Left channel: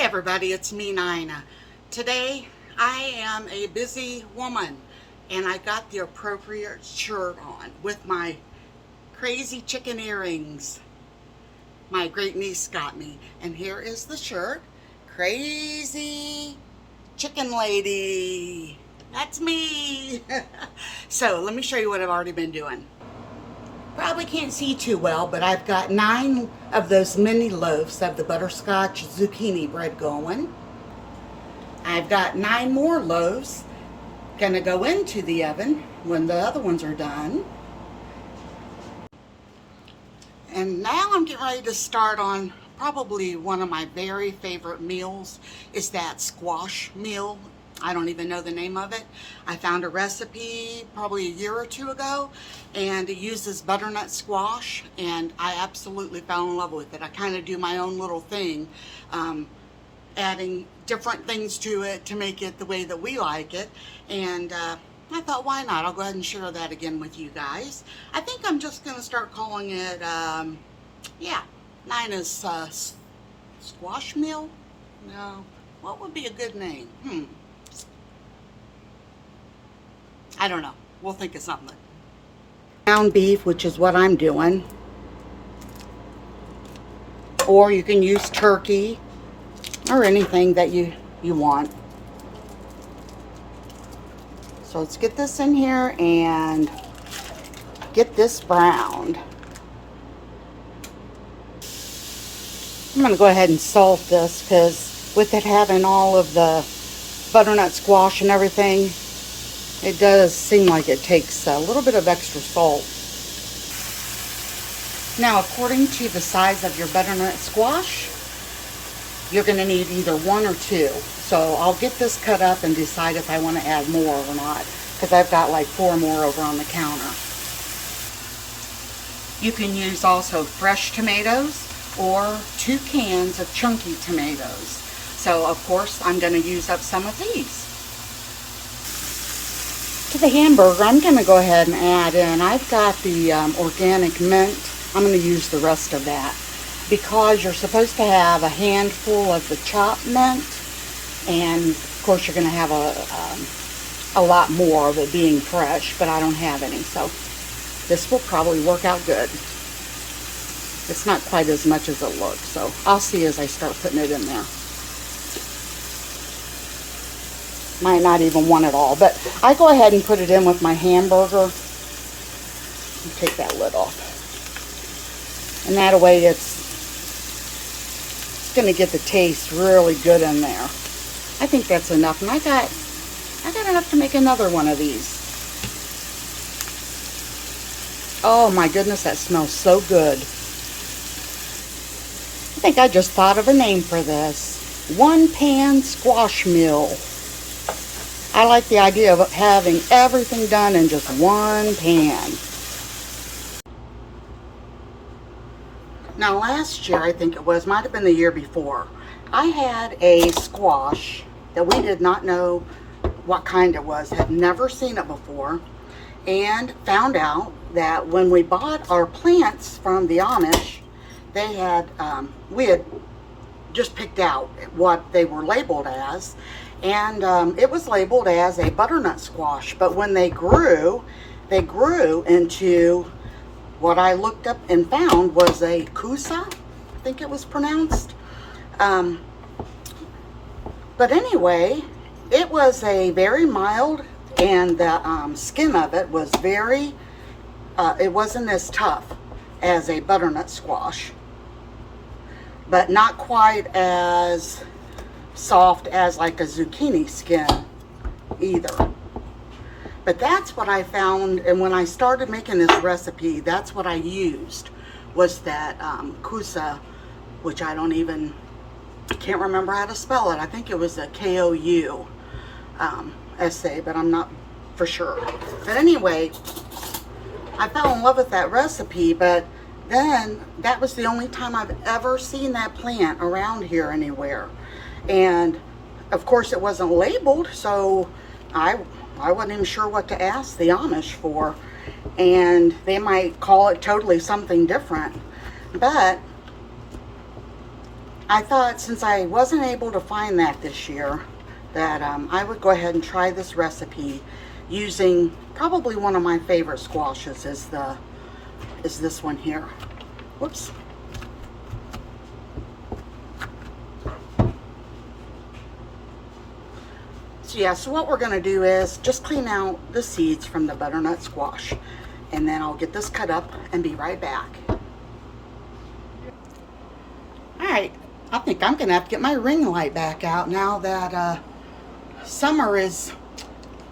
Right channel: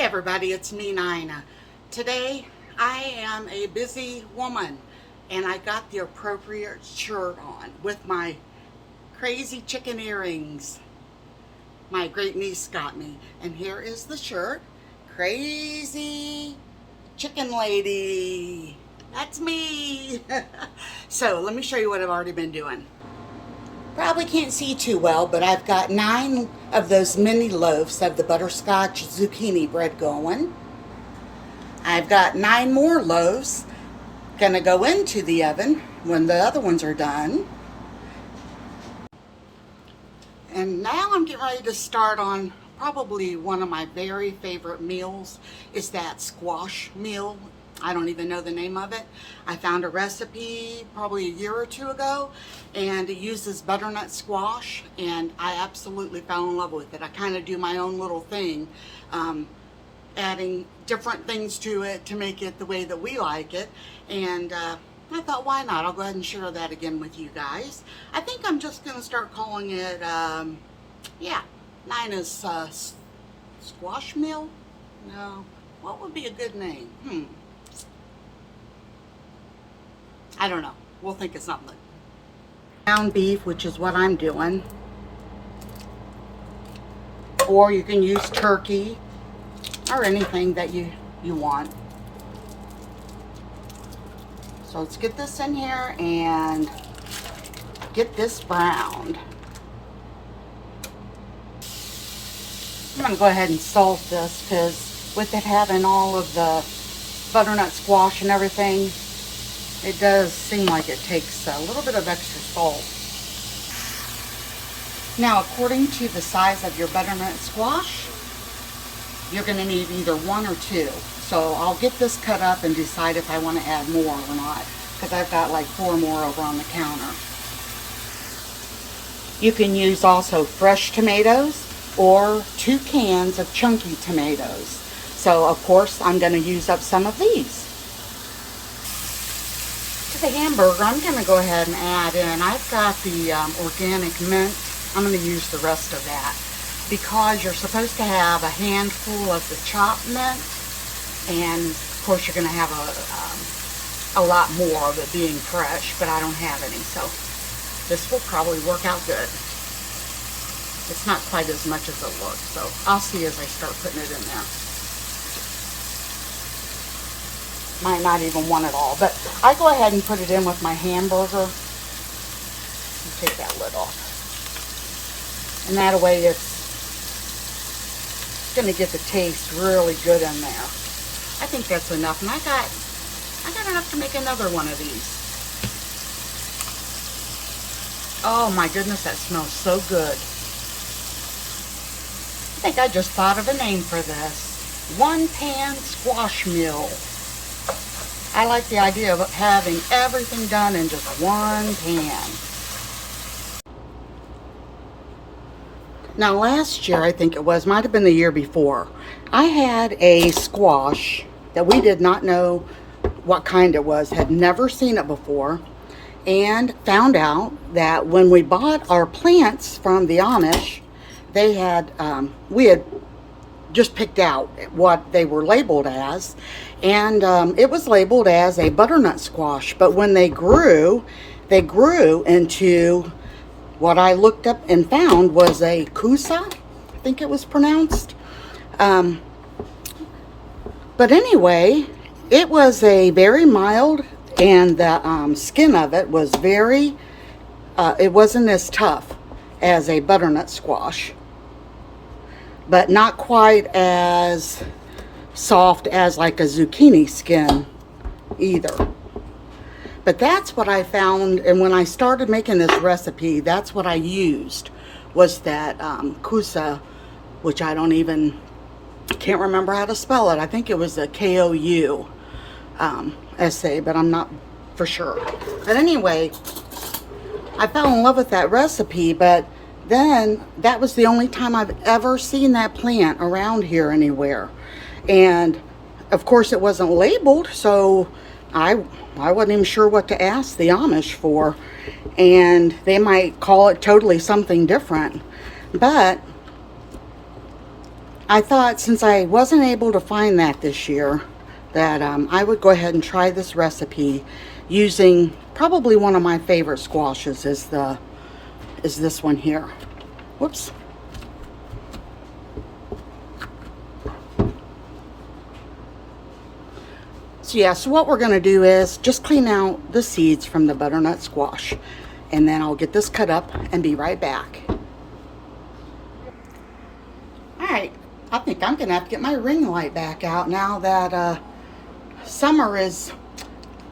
Everybody, it's me, Nina. Today I am a busy woman and I got the appropriate shirt on with my crazy chicken earrings my great niece got me. And here is the shirt. Crazy chicken lady. That's me. So let me show you what I've already been doing. Probably can't see too well, but I've got 9 of those mini loaves of the butterscotch zucchini bread going. I've got 9 more loaves gonna go into the oven when the other ones are done. And now I'm getting ready to start on probably one of my very favorite meals is that squash meal. I don't even know the name of it. I found a recipe probably a year or 2 ago, and it uses butternut squash, and I absolutely fell in love with it. I kind of do my own little thing, adding different things to it to make it the way that we like it, and I thought, why not? I'll go ahead and share that again with you guys. I think I'm just going to start calling it, Nina's squash meal? No. What would be a good name? I don't know. We'll think of something. Ground beef, which is what I'm doing. Or you can use turkey or anything that you want. So let's get this in here and get this browned. I'm going to go ahead and salt this because with it having all of the butternut squash and everything, it does seem like it takes a little bit of extra salt. Now, according to the size of your butternut squash, you're going to need either 1 or 2. So I'll get this cut up and decide if I want to add more or not, because I've got like 4 more over on the counter. You can use also fresh tomatoes or 2 cans of chunky tomatoes. So of course I'm going to use up some of these. To the hamburger, I'm going to go ahead and add in, I've got the organic mint. I'm going to use the rest of that because you're supposed to have a handful of the chopped mint, and of course you're going to have a lot more of it being fresh, but I don't have any, so this will probably work out good. It's not quite as much as it looks, so I'll see as I start putting it in there. Might not even want it all, but I go ahead and put it in with my hamburger. Take that lid off. And that way it's going to get the taste really good in there. I think that's enough. And I got enough to make another one of these. Oh my goodness, that smells so good. I think I just thought of a name for this. One pan squash meal. I like the idea of having everything done in just one pan. Now last year, I think it was, might have been the year before, I had a squash that we did not know what kind it was, had never seen it before, and found out that when we bought our plants from the Amish, they had, we had just picked out what they were labeled as, and it was labeled as a butternut squash, but when they grew into what I looked up and found was a kusa, I think it was pronounced. But anyway, it was a very mild, and the skin of it was very, it wasn't as tough as a butternut squash, but not quite as soft as like a zucchini skin either. But that's what I found, and when I started making this recipe, that's what I used, was that kusa, which I can't remember how to spell it. I think it was a K-O-U S-A, but I'm not for sure. But anyway, I fell in love with that recipe, but then that was the only time I've ever seen that plant around here anywhere. And of course it wasn't labeled, so I wasn't even sure what to ask the Amish for, and they might call it totally something different. But I thought since I wasn't able to find that this year, that I would go ahead and try this recipe using probably one of my favorite squashes is this one here. Whoops. So yeah, so what we're going to do is just clean out the seeds from the butternut squash, and then I'll get this cut up and be right back. Alright, I think I'm going to have to get my ring light back out now that summer is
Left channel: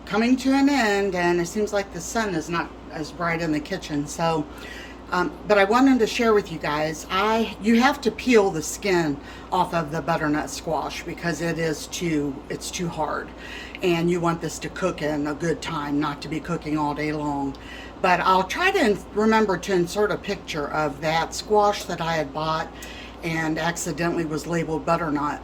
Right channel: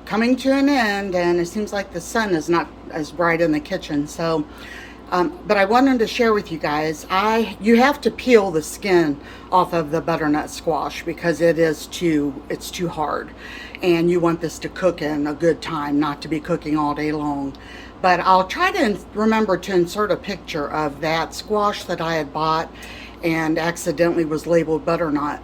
coming to an end, and it seems like the sun is not as bright in the kitchen. So but I wanted to share with you guys, you have to peel the skin off of the butternut squash because it's too hard, and you want this to cook in a good time, not to be cooking all day long. But I'll try to remember to insert a picture of that squash that I had bought and accidentally was labeled butternut,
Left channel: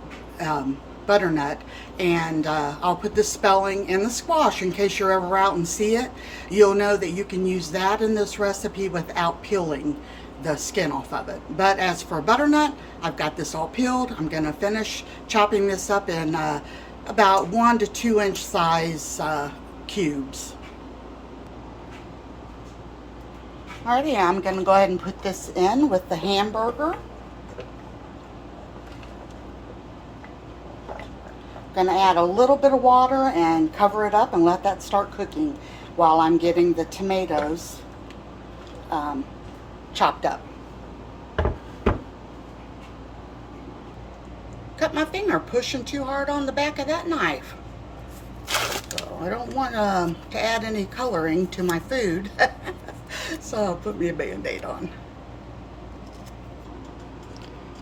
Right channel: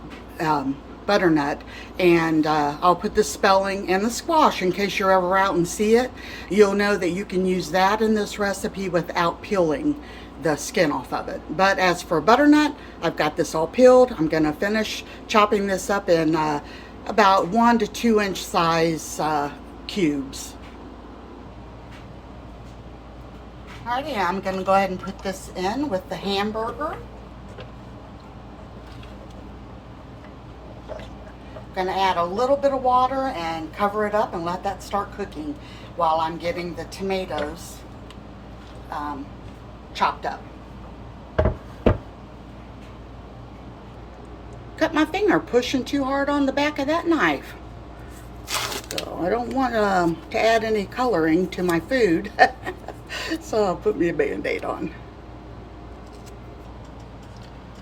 and I'll put the spelling in the squash in case you're ever out and see it. You'll know that you can use that in this recipe without peeling the skin off of it. But as for butternut, I've got this all peeled. I'm going to finish chopping this up in about 1 to 2 inch size cubes. Alrighty, I'm going to go ahead and put this in with the hamburger. Going to add a little bit of water and cover it up and let that start cooking while I'm getting the tomatoes chopped up. Cut my finger pushing too hard on the back of that knife. So I don't want to add any coloring to my food. So I'll put me a Band-Aid on.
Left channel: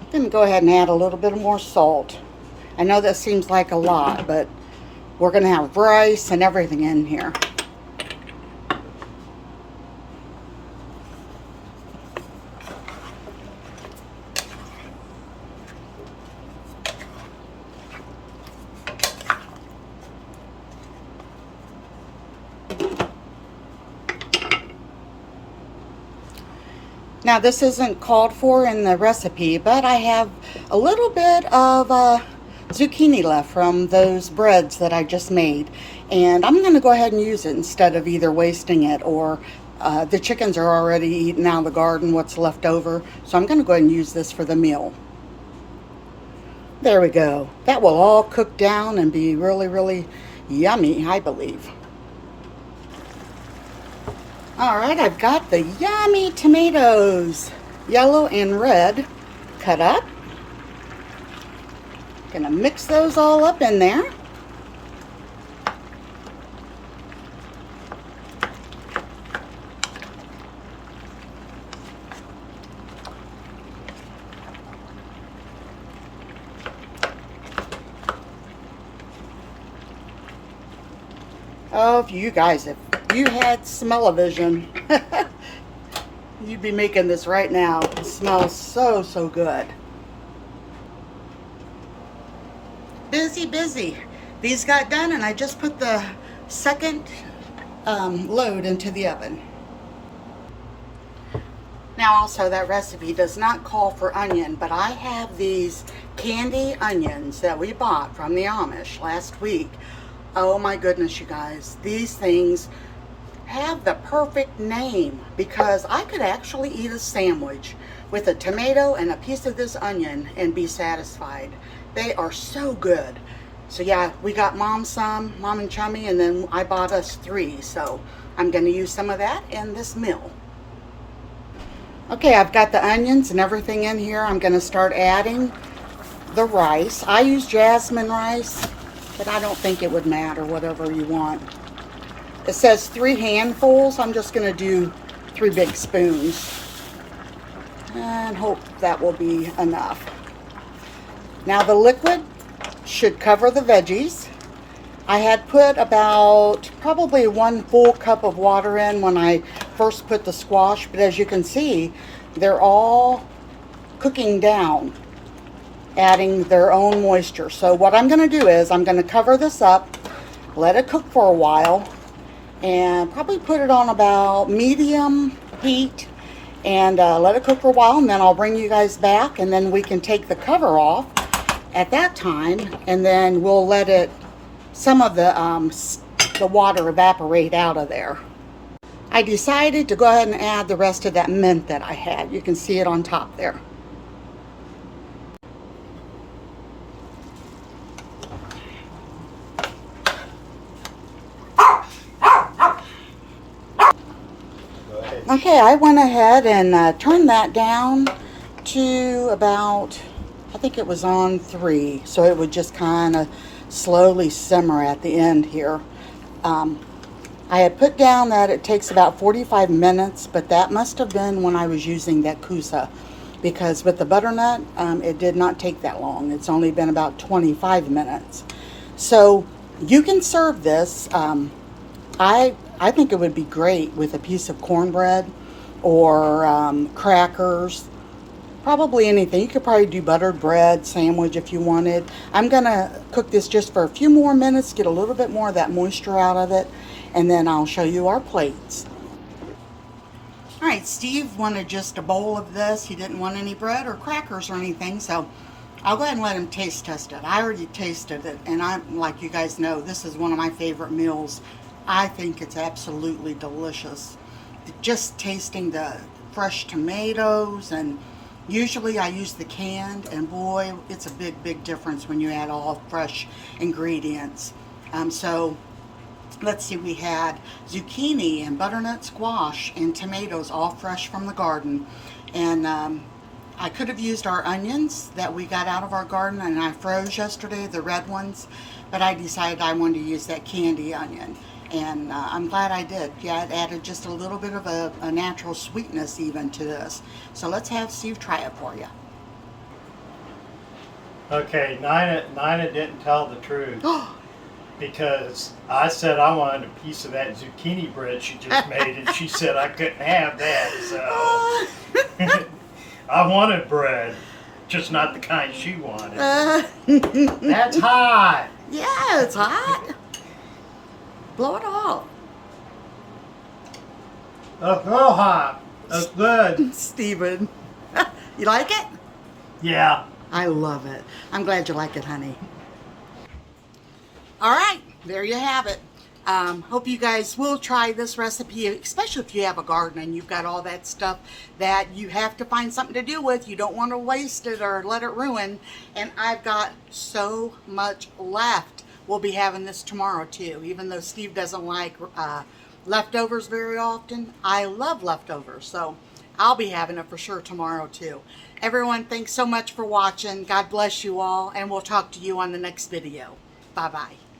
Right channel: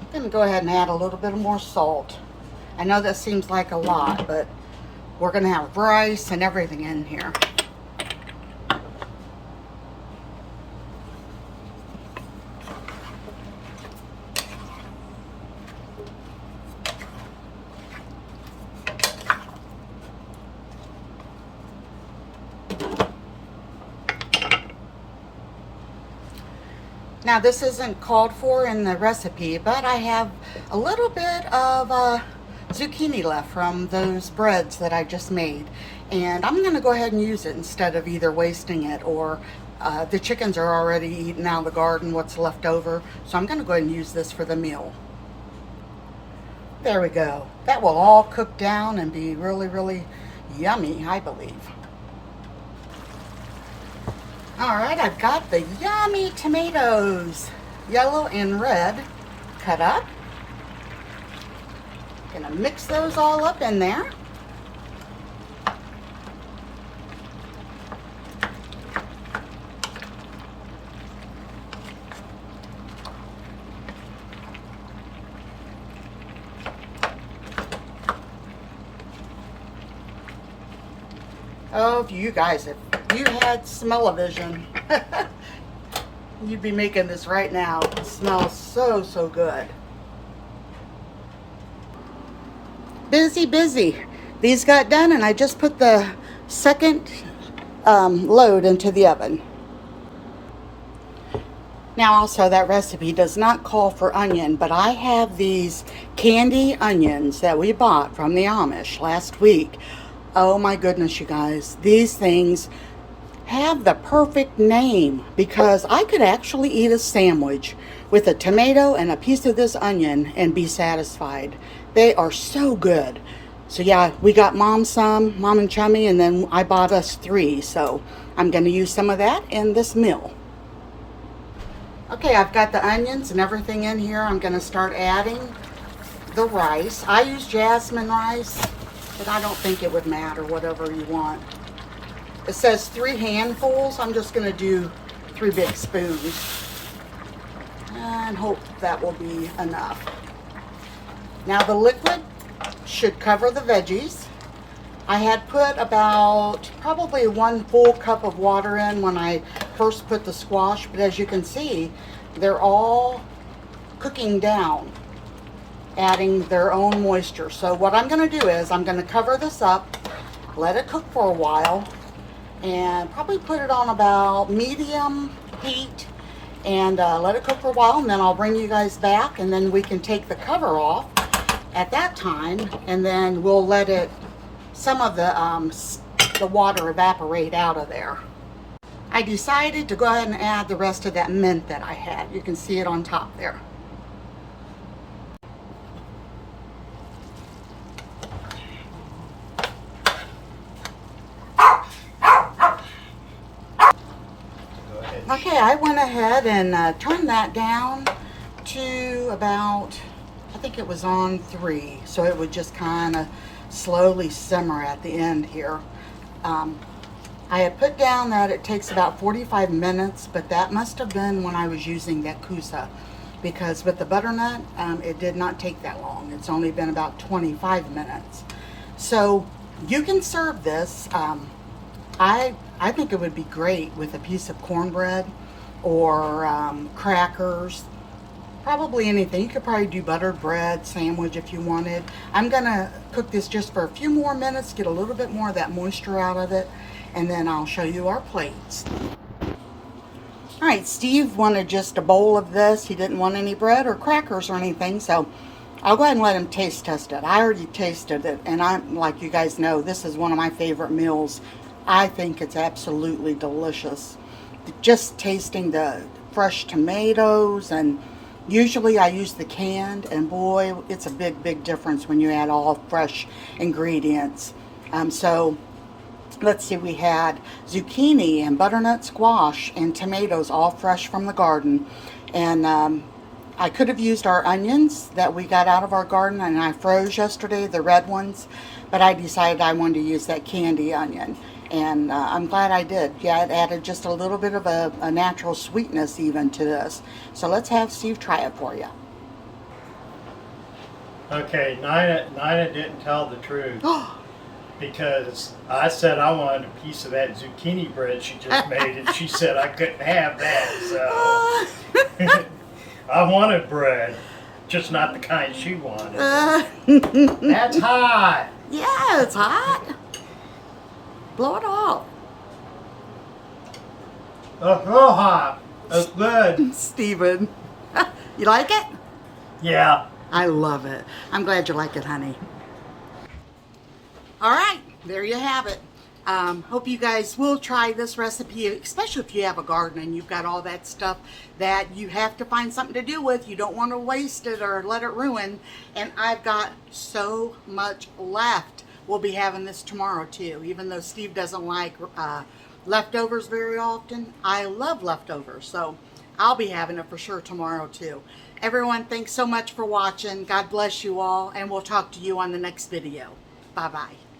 I'm going to go ahead and add a little bit more salt. I know that seems like a lot, but we're going to have rice and everything in here. Now this isn't called for in the recipe, but I have a little bit of zucchini left from those breads that I just made, and I'm going to go ahead and use it instead of either wasting it or the chickens are already eating out of the garden what's left over, so I'm going to go ahead and use this for the meal. There we go. That will all cook down and be really, really yummy, I believe. Alright, I've got the yummy tomatoes, yellow and red, cut up. Gonna mix those all up in there. Oh, you guys, if you had smell-o-vision, you'd be making this right now. It smells so, so good. Busy. These got done and I just put the second load into the oven. Now also, that recipe does not call for onion, but I have these candy onions that we bought from the Amish last week. Oh my goodness, you guys, these things have the perfect name because I could actually eat a sandwich with a tomato and a piece of this onion and be satisfied. They are so good. So yeah, we got Mom and Chummy, and then I bought us 3. So I'm going to use some of that in this meal. Okay, I've got the onions and everything in here. I'm going to start adding the rice. I use jasmine rice, but I don't think it would matter, whatever you want. It says 3 handfuls. I'm just going to do 3 big spoons and hope that will be enough. Now the liquid should cover the veggies. I had put about probably 1 full cup of water in when I first put the squash, but as you can see, they're all cooking down, adding their own moisture. So what I'm going to do is I'm going to cover this up, let it cook for a while, and probably put it on about medium heat and let it cook for a while, and then I'll bring you guys back, and then we can take the cover off at that time, and then we'll let it, some of the water evaporate out of there. I decided to go ahead and add the rest of that mint that I had. You can see it on top there. Okay, I went ahead and turned that down to about, I think it was on 3, so it would just kind of slowly simmer at the end here. I had put down that it takes about 45 minutes, but that must have been when I was using that kusa, because with the butternut, it did not take that long. It's only been about 25 minutes. So you can serve this. I think it would be great with a piece of cornbread or crackers, probably anything. You could probably do buttered bread sandwich if you wanted. I'm gonna cook this just for a few more minutes, get a little bit more of that moisture out of it, and then I'll show you our plates. All right, Steve wanted just a bowl of this. He didn't want any bread or crackers or anything, so I'll go ahead and let him taste test it. I already tasted it, and I'm, like you guys know, this is one of my favorite meals. I think it's absolutely delicious. Just tasting the fresh tomatoes, and usually I use the canned, and boy, it's a big difference when you add all fresh ingredients. So let's see, we had zucchini and butternut squash and tomatoes, all fresh from the garden. And I could have used our onions that we got out of our garden, and I froze yesterday, the red ones, but I decided I wanted to use that candy onion. And I'm glad I did. Yeah, it added just a little bit of a natural sweetness even to this. So let's have Steve try it for you. Okay, Nina didn't tell the truth. Because I said I wanted a piece of that zucchini bread she just made, and she said I couldn't have that. So I wanted bread, just not the kind she wanted. That's hot. Yeah, it's hot. Blow it off. That's real hot. That's good. Steven, you like it? Yeah. I love it. I'm glad you like it, honey. All right, there you have it. Hope you guys will try this recipe, especially if you have a garden and you've got all that stuff that you have to find something to do with. You don't want to waste it or let it ruin. And I've got so much left. We'll be having this tomorrow too, even though Steve doesn't like leftovers very often. I love leftovers, so I'll be having it for sure tomorrow too. Everyone, thanks so much for watching. God bless you all, and we'll talk to you on the next video. Bye-bye.